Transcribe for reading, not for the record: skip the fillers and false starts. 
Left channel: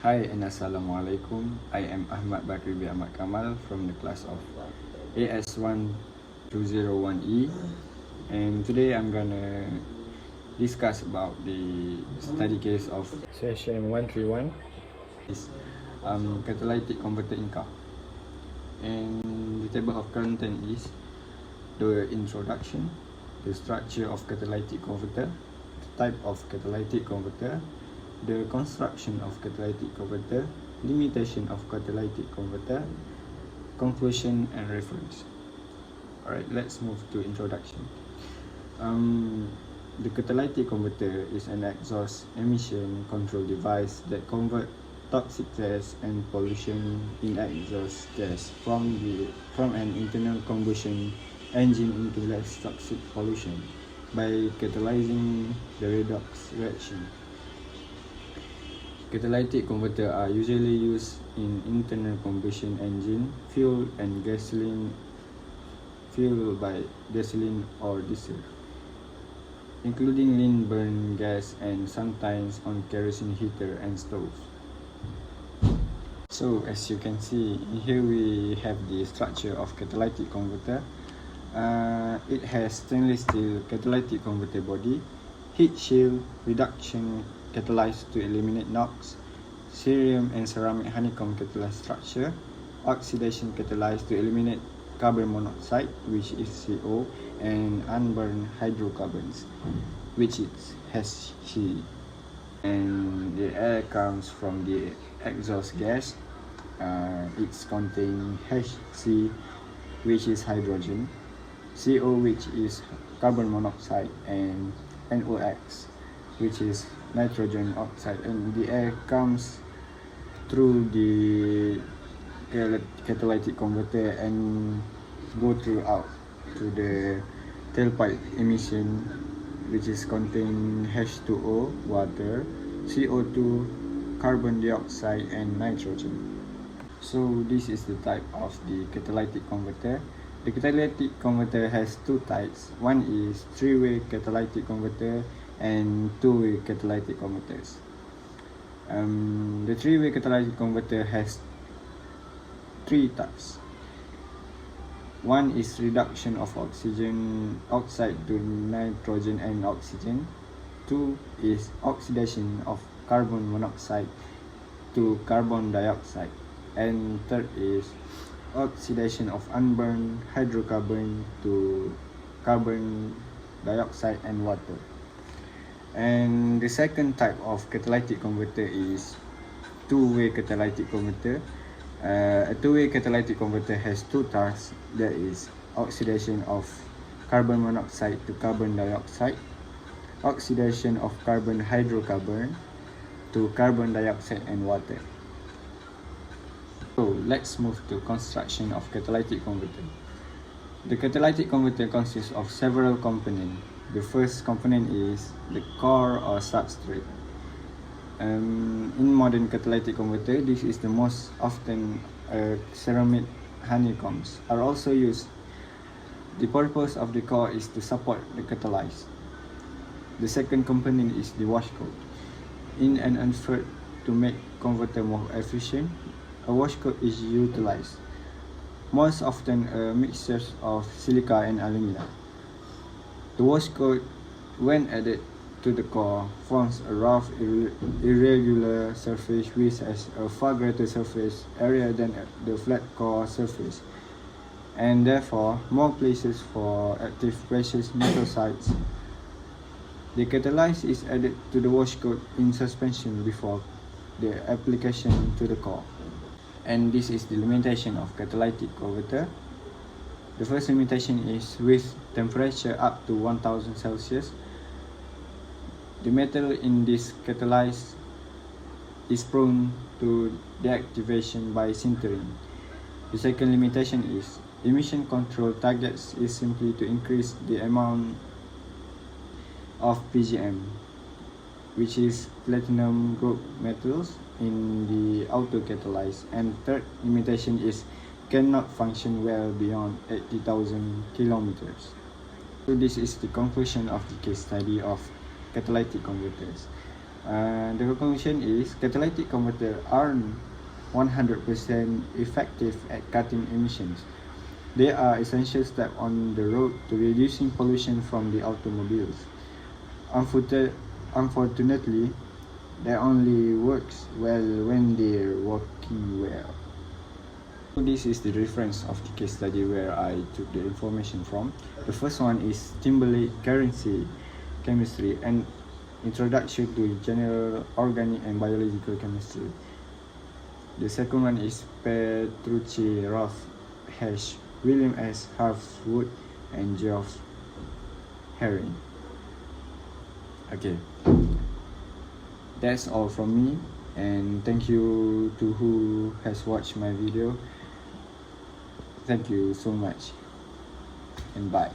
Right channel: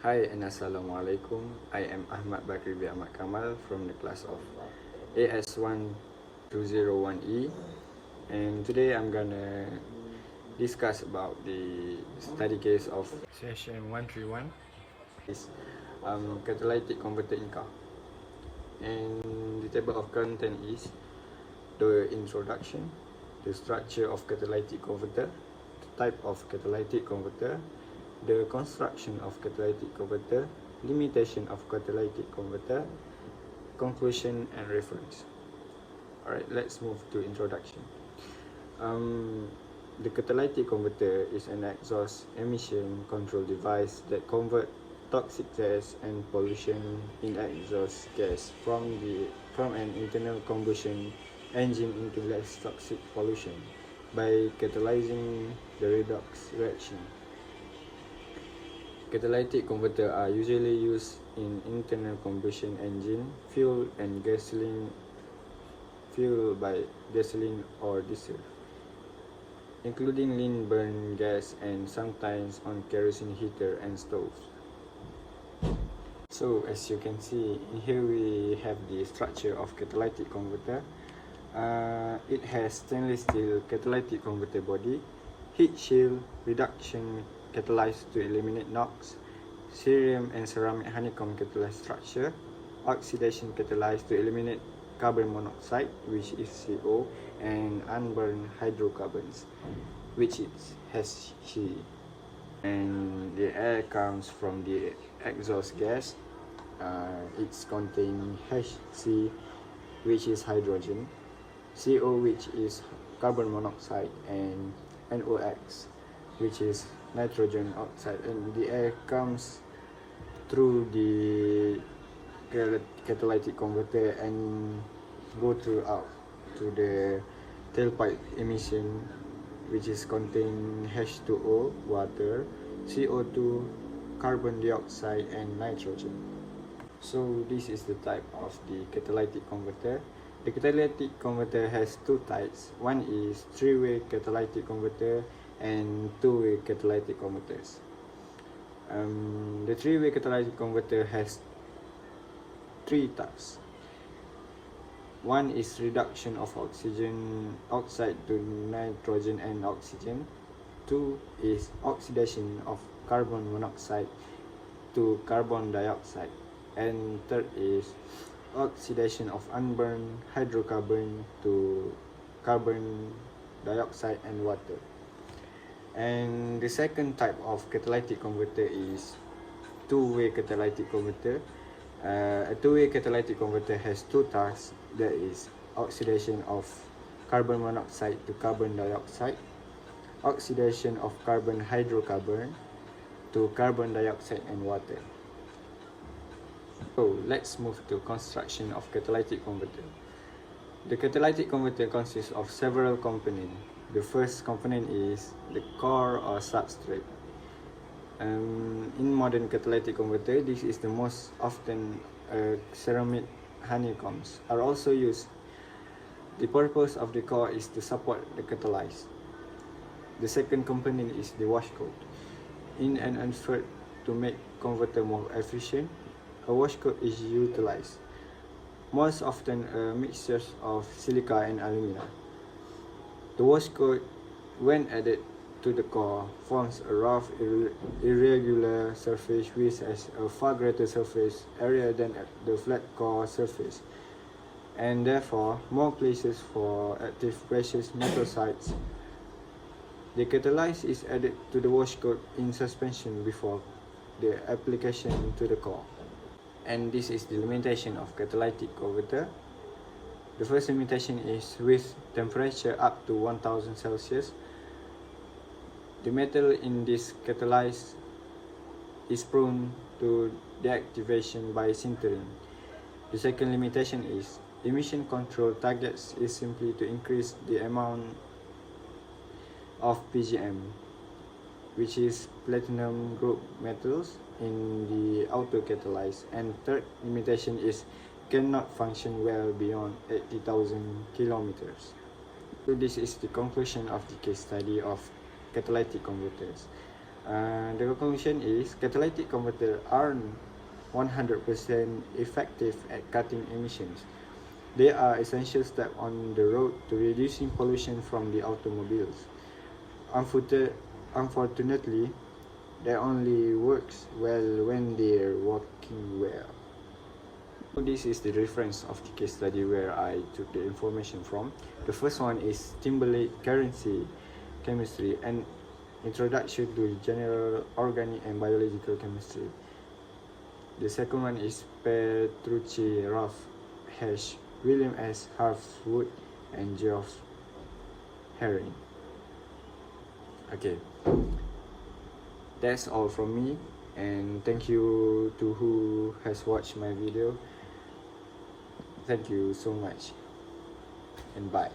Hi and Assalamualaikum. I am Ahmad Bakri bin Ahmad Kamal from the class of AS121E, and today I'm gonna discuss about the study case of CHM131 is catalytic converter in car. And the table of content is the introduction, the structure of catalytic converter, the type of catalytic converter, the construction of catalytic converter, limitation of catalytic converter, conclusion and reference. Alright, let's move to introduction. The catalytic converter is an exhaust emission control device that converts toxic gas and pollution in exhaust gas from an internal combustion engine into less toxic pollution by catalyzing the redox reaction. Catalytic converters are usually used in internal combustion engine fueled by gasoline or diesel, including lean burn gas and sometimes on kerosene heater and stove. So as you can see, here we have the structure of catalytic converter. It has stainless steel catalytic converter body, heat shield, reduction catalyzed to eliminate NOx, cerium and ceramic honeycomb catalyzed structure, oxidation catalyzed to eliminate carbon monoxide, which is CO, and unburned hydrocarbons, which has He. And the air comes from the exhaust gas. It's contain HC, which is hydrogen, CO, which is carbon monoxide, and NOx, which is nitrogen oxide. And the air comes through the catalytic converter and go throughout to the tailpipe emission, which is contain H2O, water, CO2, carbon dioxide, and nitrogen. So this is the type of the catalytic converter. The catalytic converter has two types. One is three-way catalytic converter and two-way catalytic converters. The three-way catalytic converter has three types. One is reduction of oxygen oxide to nitrogen and oxygen. Two is oxidation of carbon monoxide to carbon dioxide. And third is oxidation of unburned hydrocarbon to carbon dioxide and water. And the second type of catalytic converter is two-way catalytic converter. A two-way catalytic converter has two tasks, that is oxidation of carbon monoxide to carbon dioxide, oxidation of carbon hydrocarbon to carbon dioxide and water. So let's move to construction of catalytic converter. The catalytic converter consists of several components. The first component is the core or substrate. In modern catalytic converter, this is the most often ceramic honeycombs are also used. The purpose of the core is to support the catalyst. The second component is the wash coat. In an effort to make converter more efficient, a wash coat is utilized, most often a mixture of silica and alumina. The wash coat, when added to the core, forms a rough, irregular surface which has a far greater surface area than the flat core surface, and therefore more places for active precious metal sites. The catalyst is added to the wash coat in suspension before the application to the core. And this is the limitation of catalytic converter. The first limitation is with temperature up to 1000 Celsius. The metal in this catalyst is prone to deactivation by sintering. The second limitation is emission control targets is simply to increase the amount of PGM, which is platinum group metals, in the auto catalyst. And third limitation is cannot function well beyond 80,000 kilometers. So this is the conclusion of the case study of catalytic converters. The conclusion is catalytic converters aren't 100% effective at cutting emissions. They are essential step on the road to reducing pollution from the automobiles. Unfortunately, they only works well when they're working well. This is the reference of the case study where I took the information from. The first one is Timberlake Chemistry, an introduction to general organic and biological chemistry. The second one is Petrucci, Roth, Hesch, William S. Harfwood, and Geoff Herring. Okay, that's all from me, and thank you to who has watched my video. Thank you so much, and bye.